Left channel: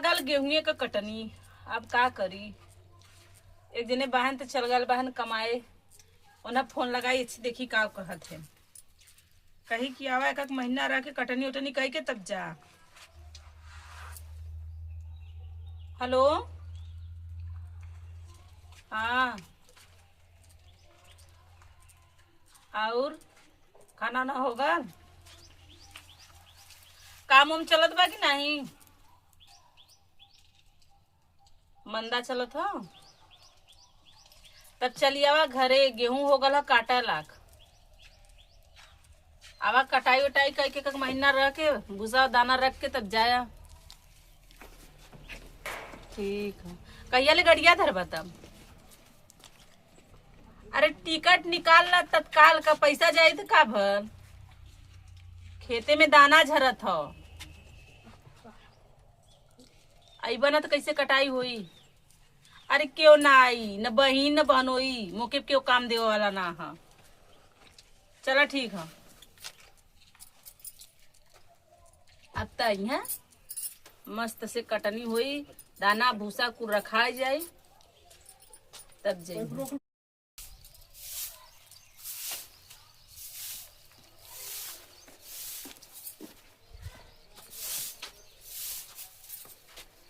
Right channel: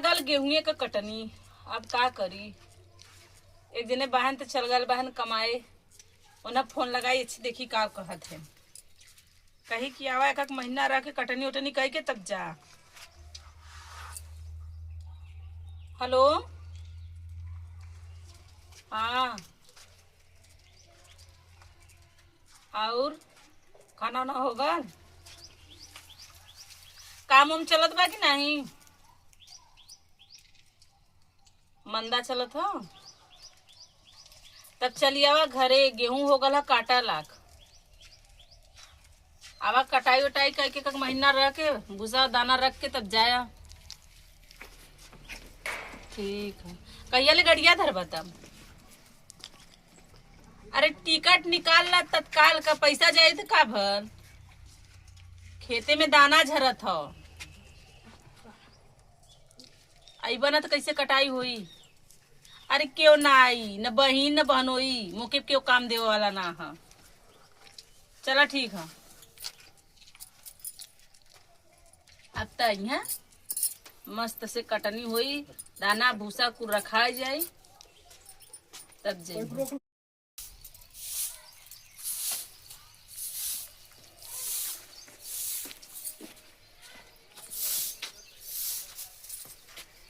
गल गेहूं का कटनी। अब का करी, एक जने बहन तो चल गल बहन कमाए, उन्हें फोन लगाई अच्छी देखी का कहत है, कही कि आवा एक महीना रह के कटनी उटनी कही के तब जा। हेलो, हाँ, और खाना ना होगा, काम उम चलत बा कि नहीं, मंदा चलत हो, तब चली आवा घरे, गेहूं हो गल काटा लाख, आवा कटाई उटाई करके एक महीना रह के भूसा दाना रख के तब जाया। ठीक है, कहिया ले गड़िया धरबा तब? अरे टिकट निकाल ला, तत्काल का पैसा जाए तो का भर, खेते में दाना झरत हो, अइबा ना तो कैसे कटाई हुई। अरे क्यों ना आई, न बहिन न बहनोई, मुके क्यों काम देवे वाला ना है। चला ठीक है, अब तक है मस्त से कटनी हुई, दाना भूसा कुल रखा जाए तब जाए।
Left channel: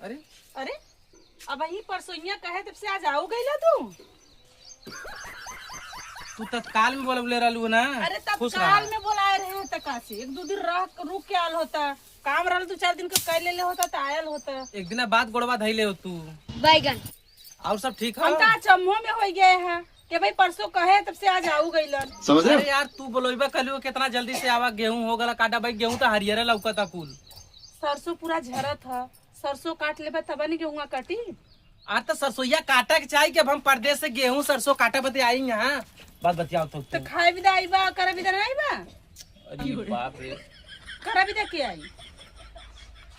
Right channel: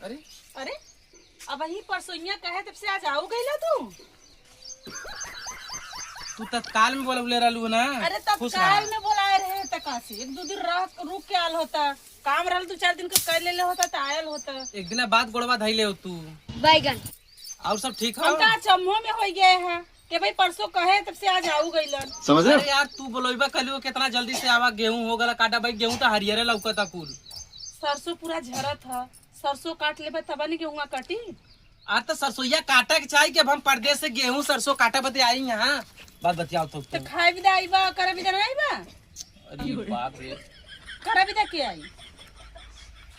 अरे अरे अब ही परसोइया कहे तब से आज आओ गईला तू? तू तत्काल में बोले रहलू ना। अरे तत्काल में बुलाए रहे तका से, एक दो दिन रह रुक के आल होता, काम रहल 2-4 दिन का कर ले होता तो आयल होता। एक दिन बाद गोड़वा धैले हो तू। बैगन और सब ठीक हम है? तो चम्हो में हो गए हैं कि भाई परसों कहे तब से आज आओ गईला। समझ रहे? अरे यार तू बोलोइबा कलियो कितना जल्दी से आवा, गेहूं हो गला काटा भाई, गेहूं तो हरियर लौकता कुल। सरसों पूरा झरत है, सरसों काट लेबा तब नहीं गेहूं काटी। आज तो सरसोईया काटा के चाहिए कि अब हम परदेश से गेहूं सरसों काटे बते आई यहाँ। बात बतियाओ तो खाए विदा आईबा, करे विदा नहीं आईबा? अरे बाप रे, करे विदा के आई?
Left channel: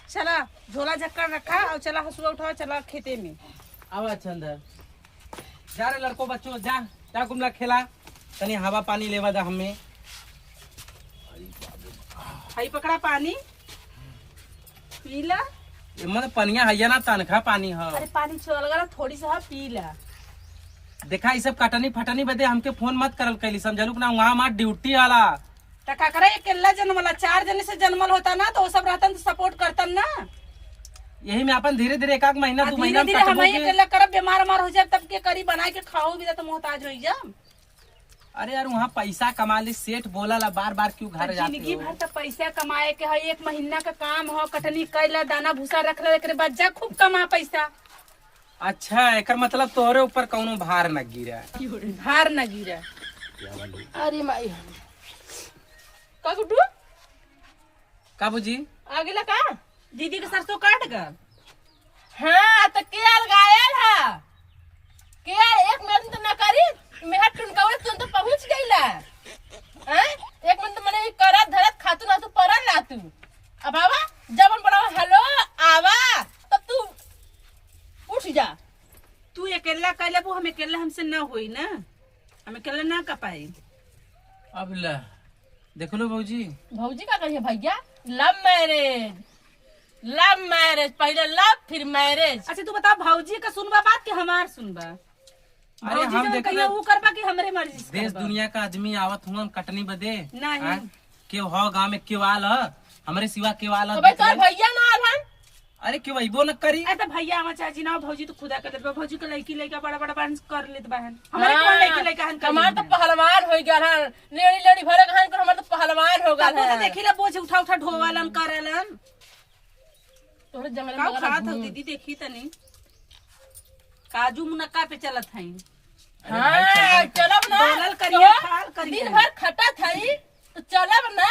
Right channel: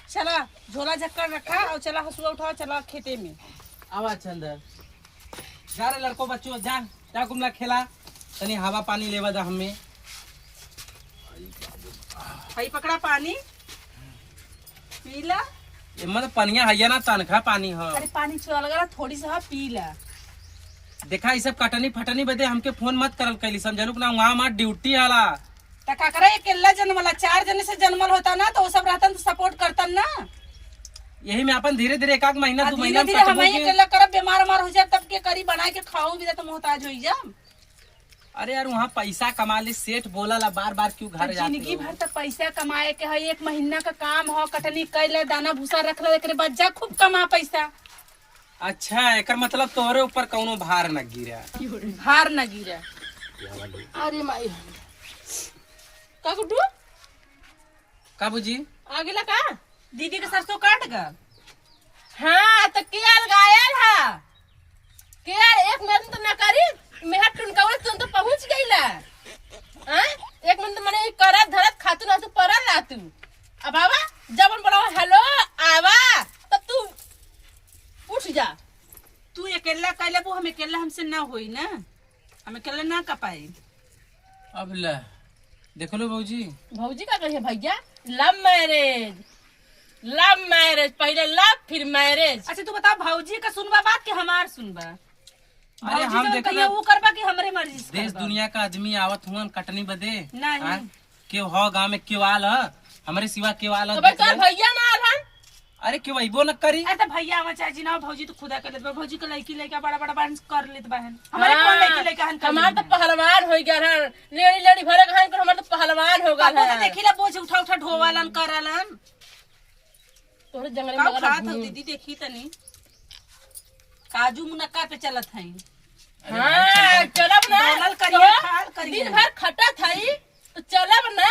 चला झोला झक्कर रखा और चला हसुआ उठाओ, चला खेते में। आवा चंदर, जा रे लड़को बच्चों, जा जा कुमला खेला, तनी हवा पानी लेवा जा हमें। हई पकड़ा पानी पीला। मतलब पनिया है ना, तनखा पानी है। अरे पानी चल गया, थोड़ी सा पीला। देखा ये सब कटनी फटनी बदे हमके फोन मत करल कैली, समझलू ना, वहाँ हमार ड्यूटी आला। तो का करे, अकेला जन्मला, 4 जने से जन्मल होता ना तो वो सब रहता तो सपोर्ट करता ना। यही में अपन धीरे धीरे 1 महीना 2 महीना धीरे धीरे हम अकेला करब, बीमार हो जाए तब के करी, बना के खाओ भी तो मोहताज हो जा। अरे यार वहाँ पैसा कमा ली, सेठ बोला ला बार बार क्यों घर जाते जिंदगी हो? भर तो पैसा कमाए के है, 1 महीना का काम हो, कटनी कैला, दाना भूसा रख ला, एकरे बाद जा खूब कमा पैसा। अच्छा एकर मतलब तोहरे ऊपर कौनो भार न गिरा। भार न गिरा। अरे माई का गुड्डू काबूजी आगे ला का दीदी के सरसों काट गल। हाँ तो केल गायल है, केल 1 मिनट तो न करी, मेरा टुनकावे तुम तो पहुंच गईला। हैं 1 मिनट मने करत धरत खातू ना तो परल ला तू। अब आवा जब हम बोलाओ हेलो आवा तब तू उठ जा। तू अकेला कैले वो, हम अकेला हमसे ना होई ना, हम अकेला ना कर पाई। अब ला देख लो भौजी। भौजी का करिए भैया, लव मैरिज, लव मैरिज, पहले लव फिर मैरिज। अच्छा तू बता, भौजी का सुनबा बात कि हमार सुनबा? अरे हम देख कहियो वो करबा कि हमरे मर्जी से देश करबा? दुनिया का आदमी आवत हुआ कटनी बदे नहीं। हाँ? क्यों हो गाँव में क्यों आल है, हमारे सिवा क्यों आल तो भाई तोर है? भैया ना आलन। अरे क्यों अइबो न करी? अरे भैया आवा चाहे जी ना, भौजी तो खुदा कर लेत बा, भौजी के लड़की लड़का बड़ा बड़ा बहन कर लेत बहन, हमारे कौन लड़की लड़का हन कर हमार तो पहलवान हो गया है, लेडी लेडी भरे कहां कर, हमार तो पहलवान हो गया तो है। देखिला बोझ उठा उठा ढोवालन करलन। तोरे जंगल का में खात हो दीदी, देखी तनी काजू मुनक्का पे चलत हई। हां चलब ना, डोलल करिए, खाल करिए। दिन भर खटा थाई तो चलब ना।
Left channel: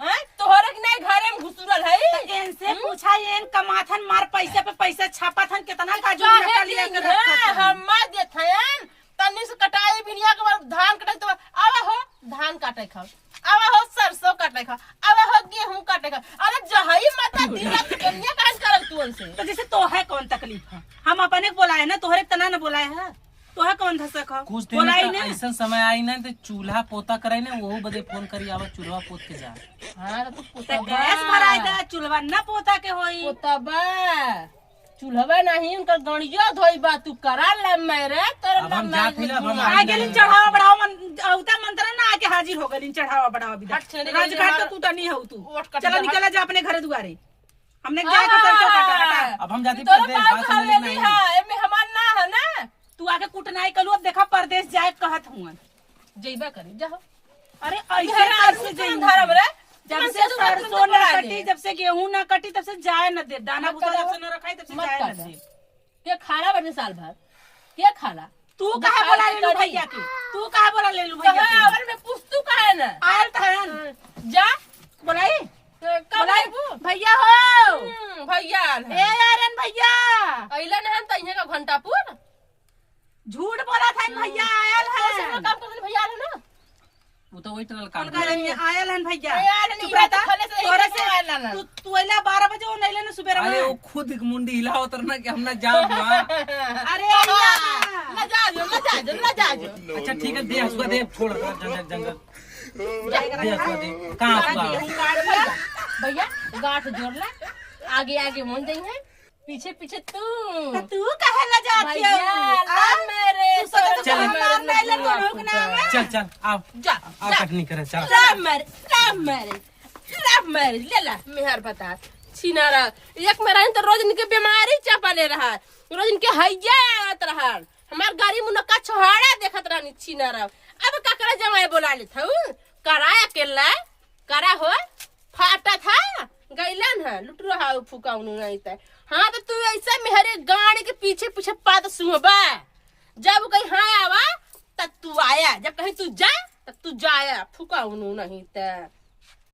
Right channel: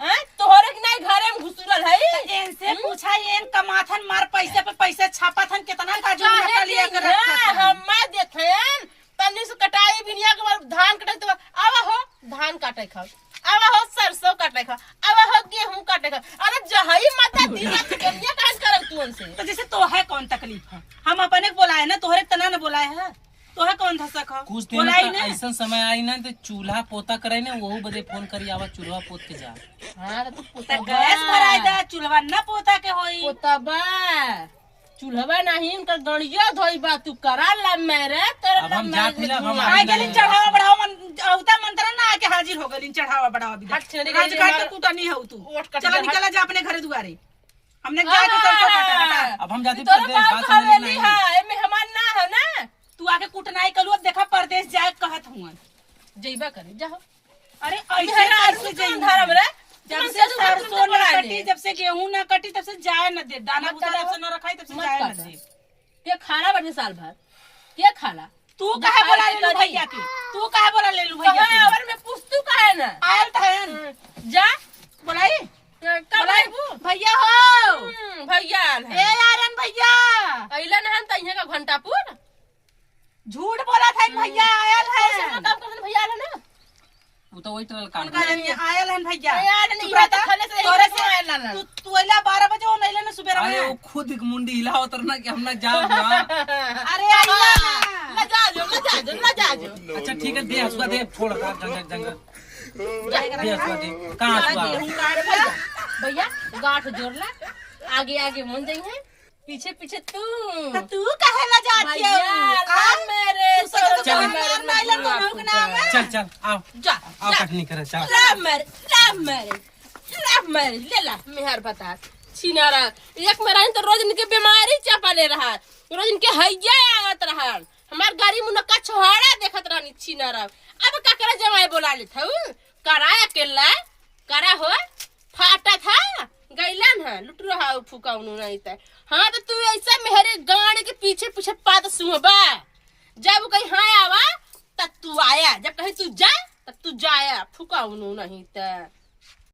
हां तोहरे के नहीं घरे में घुसुरल है। इनसे पूछा, एन कमाथन मार पैसे पे पैसे छापाथन, कितना काजू मुनक्का लिया कर रखत हन। हम मा देथन तनी से कटाई बिनिया के बाद धान कटाई तो आवा हो धान काटे खाओ, आवा हो सरसों काटे खाओ, आवा हो गेहूं काटे खाओ। अरे जहई माता दिन रात केनिया काज करब तू उनसे। तो जैसे तो है कौन तकलीफ है, हम अपने बोलाए ना, तोहरे तना न बोलाए है। तो है कौन धसक है कुछ दिन बोलाई का ना ऐसा समय आई ना तो चूल्हा पोता करे ना वो बदे फोन करी आवा चूल्हा पोत के जा। हाँ तो तो गैस भराई दे चूल्हा न पोता के होई पोतबा चूल्हवा नहीं उनका गणिया धोई बा तू करा ला मेरे तोरे अब हम जात मिला, अब हम आ गेलिन चढ़ावा बढ़ावा मन औता मंत्र ना आके हाजिर हो गेलिन चढ़ावा बढ़ावा भी हट छेड़ी राज गई घाट हमारा- के कूटा नहीं हो तू ओट कट चला गया, निकला जा अपने घरे दुआरे हमने जाए के सरसों काटा हटा अब हम जाती तोरे परदेश बाप बात समझ हवेली नहीं। है एमे हमार ना है ना तू आके कूटनाई कलू अब देखा परदेश जाए कहत हुआ जइबा करे जा अरे मेरा ऐसे आदमी कैसे तुम जाई धर्म रे जब से सरसों न कटी जब से गेहूं न कटी तब से जाए न दे दाना भूसा जब से न रखाई तब से मत जाए न काटा। दे के खाला बजे साल भर के खाला तू जब कहा खाए बोला के ले लू करी। भैया के तू कहा बोला ले लू भैया कहाँ के आवर में पुस्तु का है ना आयल था जा बोलाई कब बोलाई आइबू भैया हो भैया ए यारन भैया अइला ना हम तइहे का घंटापुर झूठ बोला था भैया आयल है काम करन भैया आला ना वो तो वही टरल काम उनका नहीं आयल है भैया आयल नहीं, चुप रहता। ये तो खले से तोरे ही से आयल ना। तू अइला 12 बजे वो नहीं लेने सुबह अरे वो में खुद एक मुंडी हिलाओ तरना कि हम ना जाओ ना। अरे आइला ना जा जो अच्छा ठीक है दे हसुआ दे छोड़ जंगल जंगल दे हसुआ दे कहाँ हसुआ भैया गांठ जोड़ला आगे आगे मन जाई है पीछे पीछे तू तू कहे ला जाती भैया हो ला मेरे चल चल। नाम नहीं ले तो रुक ना आवे चल चल आओ जा आओ कटनी करे चल राम मेरे ले ला मेहर बता छिनारा एक मेरा तो रोज इनके बीमारी चापा ले रहा रोज इनके हैया आवत रहा हमार गाड़ी मुनक्का छोहाड़ा देखत रहनी छिनारा अब काकरा जमाए बोला ले था कराया केला करा हो फाटा था गैलन है लुट रहा फूका उनु नहीं था हाँ तो तू ऐसा मेहरे गाड़ी के पीछे पीछे पात सुबा जब कहीं हाँ आवा तब तू आया जब कहीं तू जा तब तू जाया फूका उनु नहीं था